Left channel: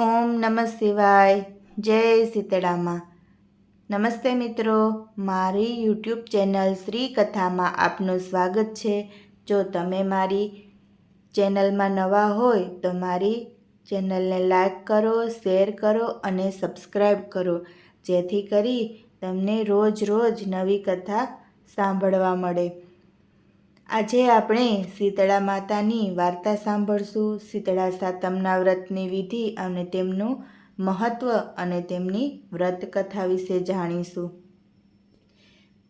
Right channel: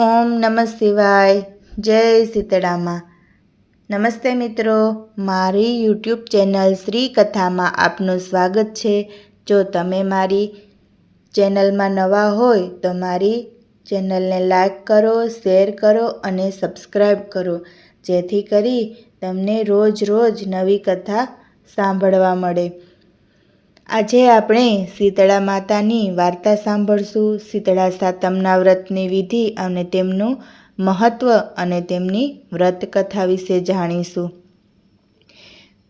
ઓમ નમઃ શિવાય. જય સીતળામાં નમસ્તે મિત્રો, મારી યુટ્યુબ ચેનલ શ્રી કથામાં આપનું સ્વાગત છે. જો તમે મારી ચેનલમાં નવા હોય, તો મારી ચેનલને લાઈક કરો, શેર કરો અને સબસ્ક્રાઈબ કરો. જેથી કરી તમને રોજ રોજ નવી કથા સાંભળવા મળે. આજે આપણે શીતળા માતાની વાર્તા સાંભળશું. શીતળા સાતમના વ્રતની વિધિ અને તેમનું મહત્ત્વ અને તેમની વ્રત કથા વિશે જાણીશું.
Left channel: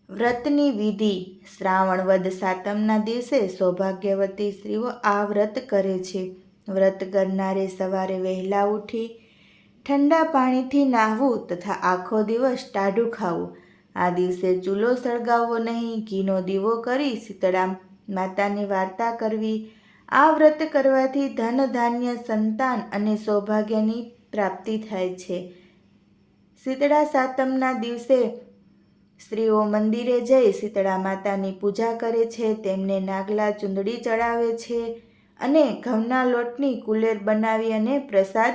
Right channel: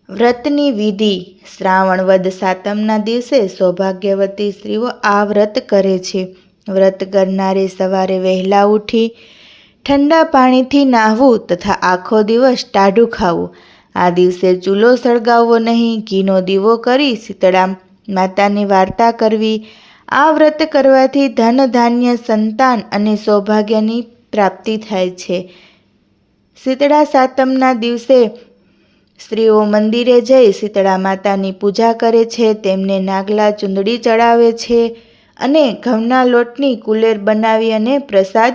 વ્રતની વિધિ. શ્રાવણ વદ સાતમના દિવસે સૌભાગ્યવતી સ્ત્રીઓ આ વ્રત કરે છે. વ્રત કરનારે સવારે વહેલા ઉઠી ઠંડા પાણીથી નાહવું તથા આખો દિવસ ટાઢું ખાવું. આ દિવસે ચૂલો સળગાવવો નહીં, ઘીનો દીવો કરી શીતળા માતાની વાર્તા કરવી, આ વ્રત કરવાથી ધન ધાન્ય સંતાન અને સૌભાગ્યની પ્રાપ્તિ થાય છે. શીતળા સાતમના દિવસે સ્ત્રીઓ મંદિરે જઈ શીતળા માતાની પૂજા કરે છે, તેમને નાગલા ચૂંદડી ચડાવે છે અને ઘઉંના લોટની કુલેર બનાવી અને પ્રસાદ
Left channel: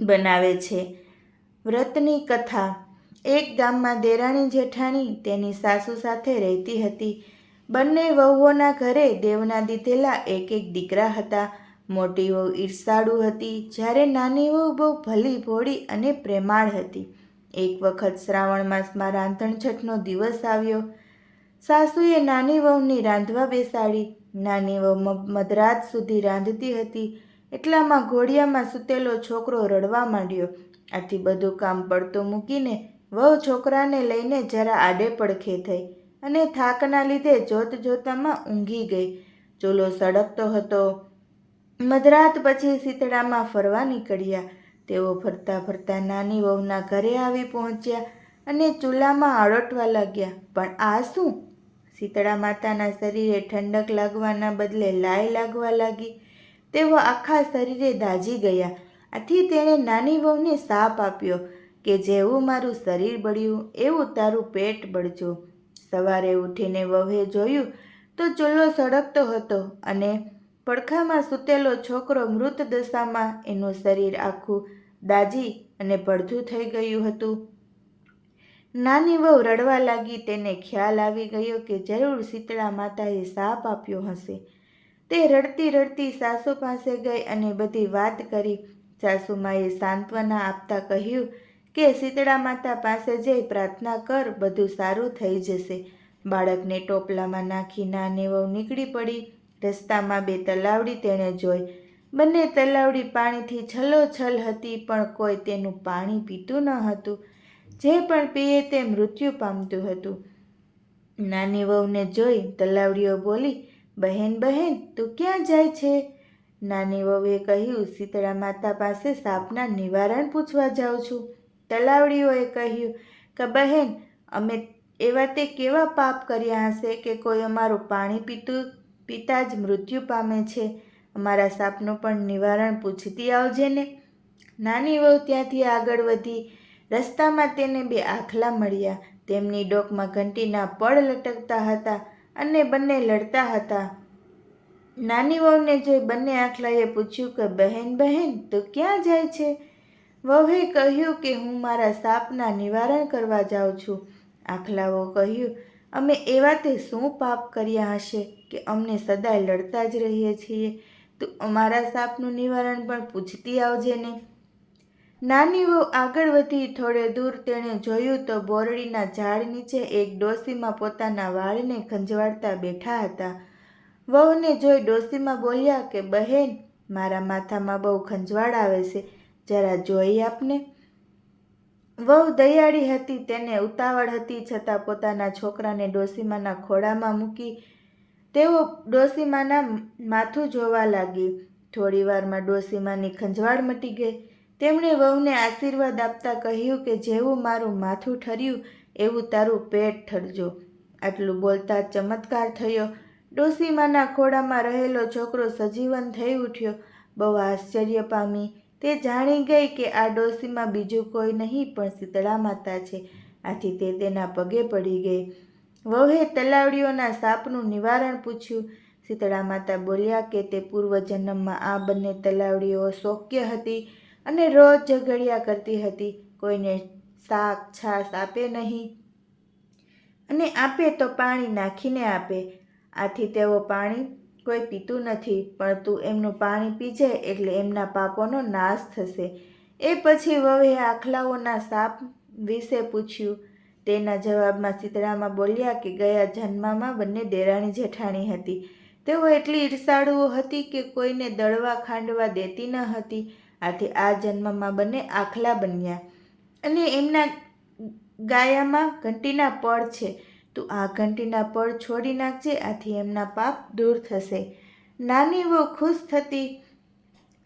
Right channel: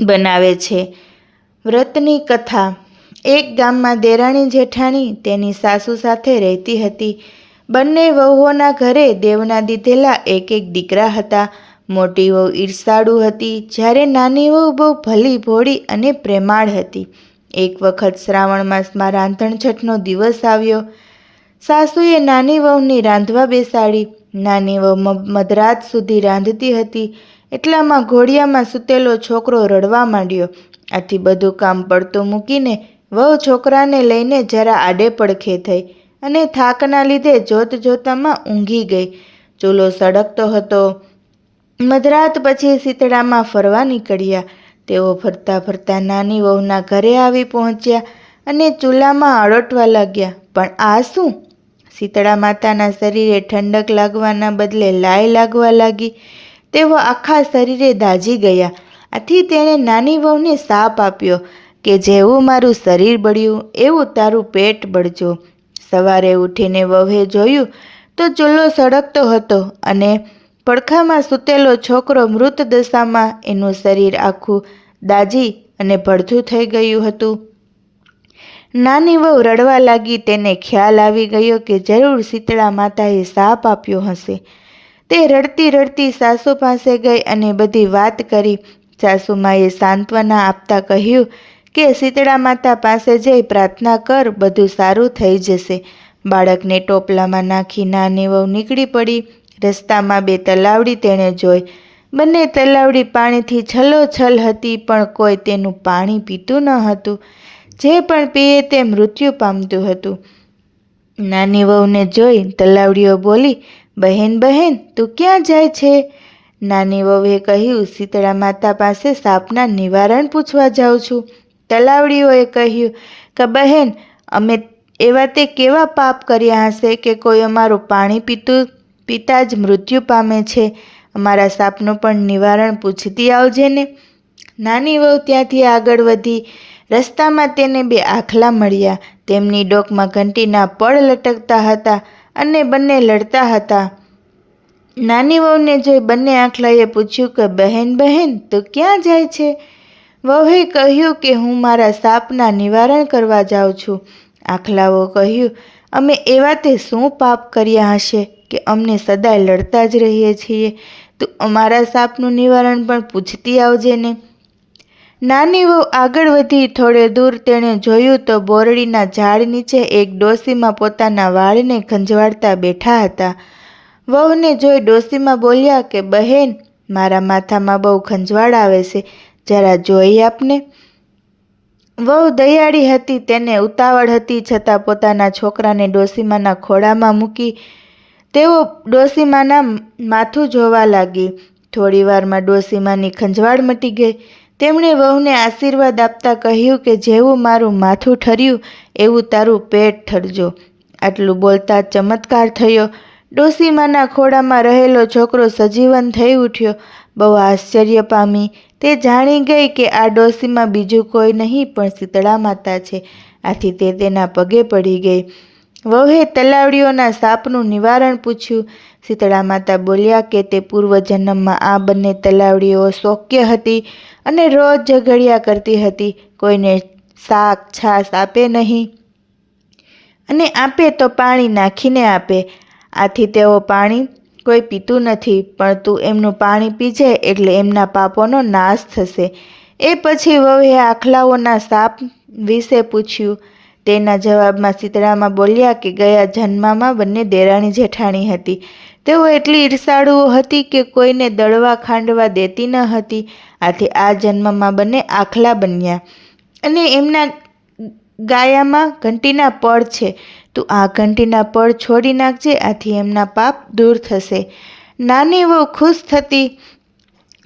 બનાવે છે. વ્રતની કથા. એક ગામમાં દેરાણી જેઠાણી તેની સાસુ સાથે રહેતી હતી. બંને વહુઓના ઘરે દેવના દીધેલા એક એક દીકરા હતા. મોટી વહુ ઈર્ષાળુ હતી, જ્યારે નાની વહુ બહુ ભલી, ભોળી અને પ્રેમાળ હતી. એક વખત શ્રાવણ માસમાં રાંધણછઠનો દિવસ આવ્યો. સાસુએ નાની વહુની રાંધવા બેસાડી. નાની વહુ મધરાત સુધી રાંધતી હતી. એટલામાં ઘોડિયામાં સૂતેલો છોકરો રડવા માંડ્યો. આથી બધું કામ પડતું મૂકીને વહુ છોકરાને લઈને જરા આડે પડખે થઈ. અને થાકના લીધે જોત જોતામાં ઊંઘી ગઈ. ચૂલો સળગતો હતો. મધરાત પછી શીતળામાં ફરવા નીકળ્યા. તેઓ ફરતા ફરતા નાની વહુના ઘરે આવી પહોંચ્યા અને ચૂલામાં અળોટવા લાગ્યા. પણ આ શું? શીતળા માતાના શરીરે ઠંડક લાગવાના બદલે લાય લાગવા લાગી. તેઓ આખા શરીરે દાઝી ગયા. આથી તેણે નાની વહુને સાપ આપ્યો કે, જેવું મારું શરીર બળ્યું, એવું તારું પેટ બળજો. સવારે ઉઠીને વહુએ જોયું તો ચૂલો સળગતો હતો અને પડખામાં સૂતેલો છોકરો મૃત દશામાં એનું શરીર આખું દાજી અને ભડથું થઈ ગયું હતું. નાની વહુ રડવા લાગી, તેને ખ્યાલ આવી ગયો કે જરૂર શીતળા માતાએ સાપ આપ્યો હશે. તે રડતી રડતી સાસુ પાસે ગઈ અને બધી વાત કરી. સાસુમાએ સાંત્વના આપતા કહ્યું કે શીતળા માતા પાસે જઈ પ્રાર્થના કર, બધું સારું થઈ જશે. બાળકને ટોપલામાં નાખી નાની વહુ નીકળી પડી. રસ્તામાં બે તલાવડી તેણે જોઈ. બંને તલાવડી પાણીથી છલોછલ હતી, પણ કોઈ તેનું પાણી પીતું ન હતું. જે પણ પીએ તે મૃત્યુ પામતું હતું. નાની વહુને જોઈ તલાવડીઓ બોલી, બહેન બહેન, તું ક્યાં જાય છે? નાની વહુએ કહ્યું, શીતળા માતા પાસે સાપના નિવારણ પૂછવા જાઉં છું. તલાવડીઓએ કહ્યું કે, બહેન, અમે એવા તે કેવા પાપ કર્યા હશે કે કોઈ અમારું પાણી પીતું, પિતા જ મૃત્યુ પામે છે? અમારા સાપનું પણ નિવારણ પૂછતી આવજે ને. નાની વહુ ત્યાંથી આગળ વધી રસ્તામાં તેને બે આખલા મળ્યા. તેમની ડોકમાં ઘંટીના પળ લટકતા હતા અને બંને લડતા હતા. નાની વહુને જોઈ બંને આખલાએ પૂછ્યું કે, બહેન બહેન, તું ક્યાં જાય છે? વહુએ કહ્યું કે હું મારા સાપના નિવારણ કરવા જાઉં છું. આખલાઓ કહ્યું, અમે એવા તે શું પાપ કર્યા હશે કે અમને સદાય લડતા જ રહીએ છીએ? તું અમારા સાપનું નિવારણ પણ પૂછતી આવજે ને. નાની વહુ આગળ વધી થોડે દૂર તેણે જોયું તો બોરડીના ઝાડ નીચે એક ડોસીમાં પોતાના વાળને ખંજવાડતા બેઠા હતા. વહુને જોઈ ડોસીમાં બોલ્યા કે, બહેન, મારા માથામાં બહુ ખંજવાળ આવે છે. જરા જોઈ આપને? વહુ દયાળી હતી, તેને ઉતાવળ હતી, છતાં પોતાના છોકરાને ડોસીમાના ખોળામાં મૂકી તેઓ ડોસીમાના માથું જોવા લાગી. થોડીવારમાં ડોસીમાની ખંજવાળ મટી ગઈ. તેમણે વહુને આશીર્વાદ આપતા કહ્યું કે, જેવું મારું માથું ઠર્યું, એવું તારું પેટ ઠરજો. આટલું બોલતા ચમત્કાર થયો. ડોસીમાના ખોળામાં રહેલો છોકરો સજીવન થઈ ઉઠ્યો. બહુ આશ્ચર્ય પામી. તે જાણી ગઈ કે આ ડોસીમાં બીજું કોઈ નહીં, પણ શીતળા માતા છે. આથી તે તેના પગે પડી ગઈ. વહુએ તલાવડીઓના સાપનું નિવારણ પૂછ્યું. શીતળા માતા બોલ્યા કે તે પૂર્વજન્મમાં આ બંને તલાવડીઓ શોક્ય હતી અને રોજ ઝઘડ્યા કરતી હતી. કોઈને શાક છાશ આપે નહીં અને આપે તો પાણી નાખીને આપે. આથી તેઓ પાણી કોઈ પીતું નથી, પણ તું એમનું પાણી પી જાય એટલે એમના પાપોનો નાશ થશે. એ પછી વહુએ આખલાઓના સાપ વિશે પૂછ્યું. તેના જવાબમાં શીતળામાં બોલ્યા કે ગયા જન્મમાં બંને દેરાણી જેઠાણી હતી. તેઓ એટલી ઈર્ષાળુઓ હતી કે કોઈને દળવા ખાંડવા દેતી ન હતી. આથી આ જન્મમાં બંને આખલા બન્યા. અને એમના ગાયામાં ઘંટીના પળ છે. તું આ ઘંટીના પળ છોડી નાખજે, આથી એમના પાપ દૂર થશે. નાની વહુ ખુશ થતી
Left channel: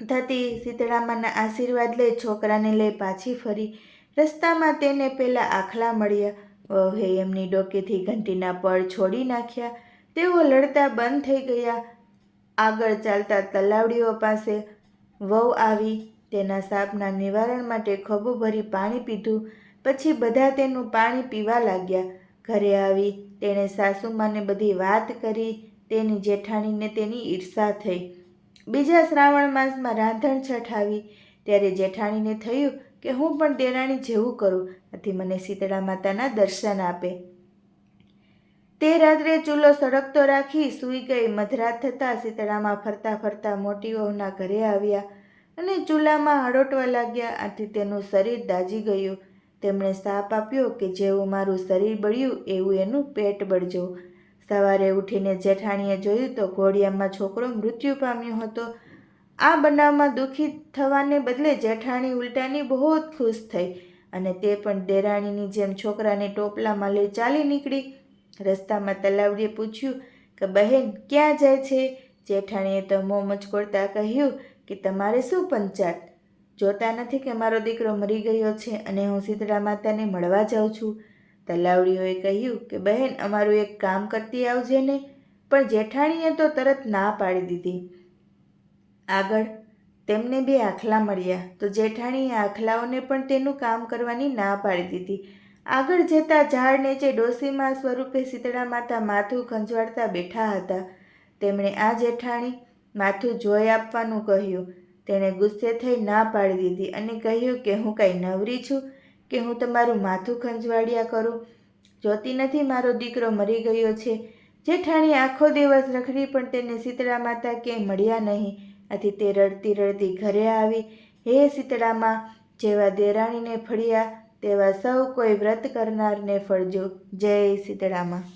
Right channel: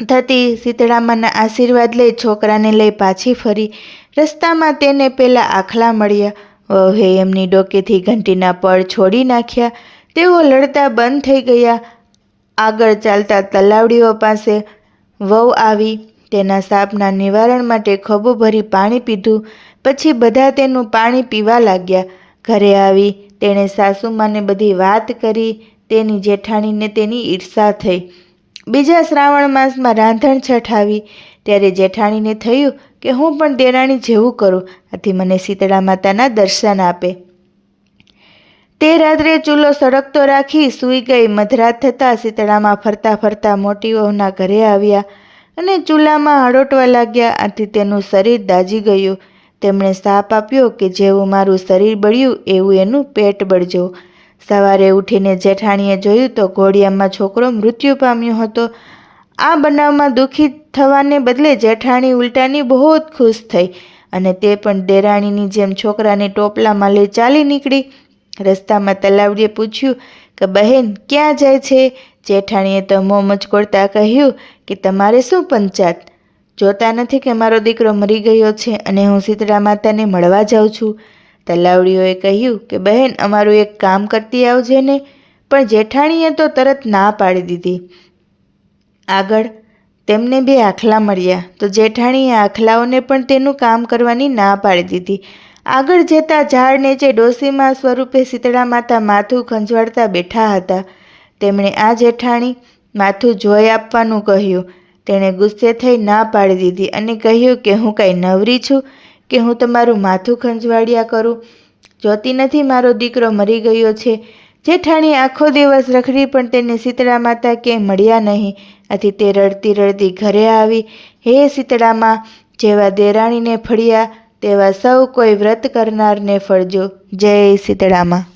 થતી શીતળામાના આશીર્વાદ લઈ છોકરાને લઈ પાછી ફરી. રસ્તામાં તેને પેલા આખલા મળ્યા. વહે એમની ડોકેથી ઘંટીના પળ છોડી નાખ્યા. તેઓ લડતા બંધ થઈ ગયા. આગળ ચાલતા તલાવડીઓ પાસે વહુ આવી. તેના સાપના નિવારણ માટે ખભો ભરી પાણી પીધું. પછી બધા તેનું પાણી પીવા લાગ્યા. ઘરે આવી, તેણે સાસુમાને બધી વાત કરી, તેની જેઠાણીને તેની ઈર્ષા થઈ. બીજા શ્રાવણ માસમાં રાંધણ છઠ આવી. ત્યારે જેઠાણીને થયું કે હું પણ દેરાણી જેવું કરું, આથી મને શીતળા માતાના દર્શન આપે. તે રાત્રે ચૂલો સળગતો રાખી સૂઈ ગઈ. મધરાત થતાં શીતળામાં ફરતા ફરતા મોટી વહુના ઘરે આવ્યા અને ચૂલામાં હળોટવા લાગ્યા, આથી તેનું શરીર દાજી ગયું. તેમણે સાપ આપ્યો કે જેવું મારું શરીર બળ્યું એવું એનું પેટ બળજો. સવારે ઉઠીને જેઠાણીએ જોયું તો ઘોડિયામાં છોકરો મૃત્યુ પામ્યો હતો. આ બનાવમાં દુઃખી થવાને બદલે જેઠાણી ઉલટાની બહુ જ ખુશ થઈ અને તે પણ દેરાણીની જેમ છોકરાને ટોપલામાં લઈ ચાલી નીકળી. રસ્તામાં તલાવડીએ પૂછ્યું કે બહેન, ક્યાં જાય છે? જેઠાણીએ તો મોં મચકોડતા કહ્યું કે તમારે શું પંચાત? જોતા નથી કે મારો દીકરો મરી ગયો છે અને હું શીતળા માતાને મળવા જાઉં છું. તલાવડીઓએ કહ્યું કે, બહેન, અમારું એક કામ કરતી આવજે ને. પણ જેઠાણીએ તો તરત ના પાડી દીધી. આગળ તેમને બે આખલા મળ્યા. તો જેઠાણીએ આખલાઓને પણ તેનું કામ કરવાની ના પાડી દીધી. આગળ જતા ઝાડ નીચે ડોસીમાં સ્વરૂપે શીતળા માતા માથું ખંજવાળતા બેઠા હતા. તેમણે આ જેઠાણી માથું જોઈ આપવાનું કહ્યું. તેણે ગુસ્સે થઈ ના પાડી દીધી અને કહ્યું કે હું કાંઈ નવરી છું, કે હું તમારું માથું ખંજવાળ્યા કરું. જોતી નથી મારો દીકરો મરી ગયો છે. જેઠાણી આખો દિવસ રખડી પણ તેને શીતળા માતા ક્યાંય મળ્યા નહીં. આથી તે રડતી રડતી ઘરે આવી. હે શીતળામાં, જેવા દેરાણીને ફળ્યા, તેવા સૌ કોઈ વ્રત કરનારને ફળજો. જય શીતળામાં.